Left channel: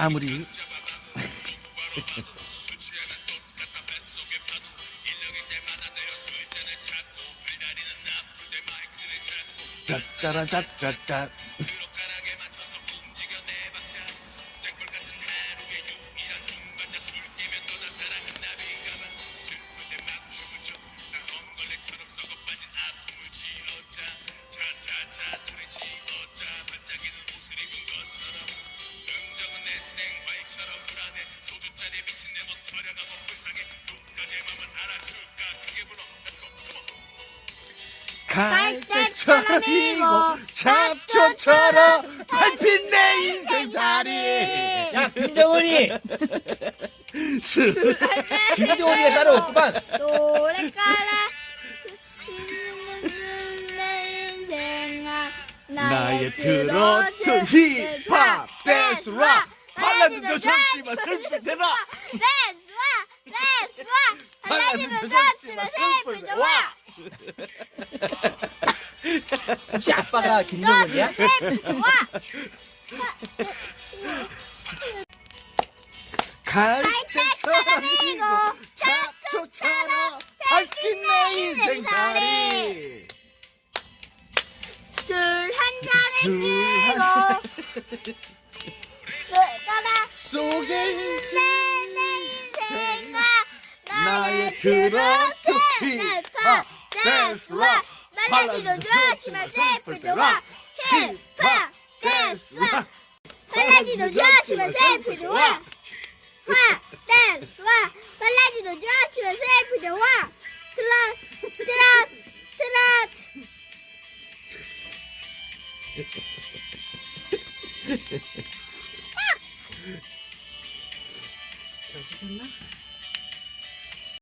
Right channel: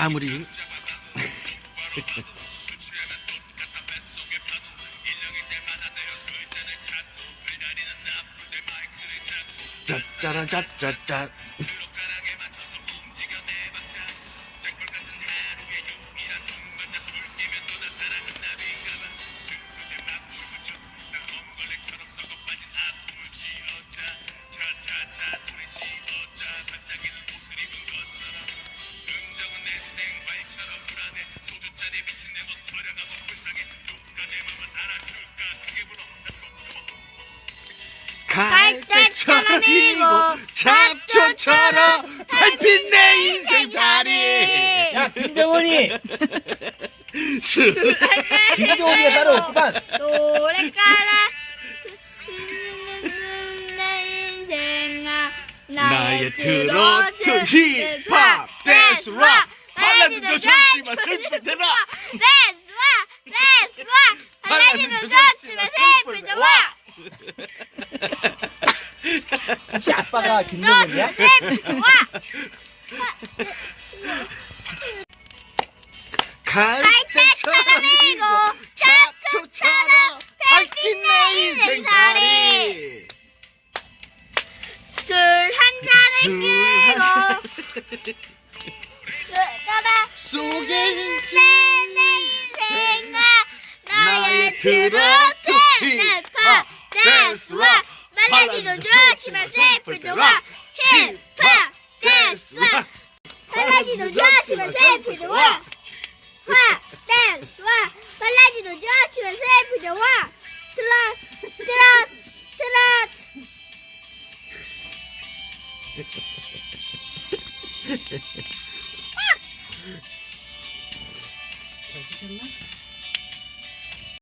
아무리 짜짜라 짜짜짜 갈대처럼 이고 잡초처럼 밟힌 내 인생살이 야 김정은이 수 김정은이가 따로 없구만 노래가라 내 인생아 나의 트로트 힙합 댄스와 발라드도 좋지만 슬플 때와 댄스와 댄스와 발라드도 좋지만 슬플 때와 혹시 아빠가 때와 갈대처럼 이고 잡초처럼 밟힌 내 인생살이. 술 한 잔을 끼고 따라 속에 내 인생아 나의 발라드도 좋지 만 슬플 때와 힙합 댄스와 발라드도 좋지만 슬플 때와 힙합 댄스와 발라드도 좋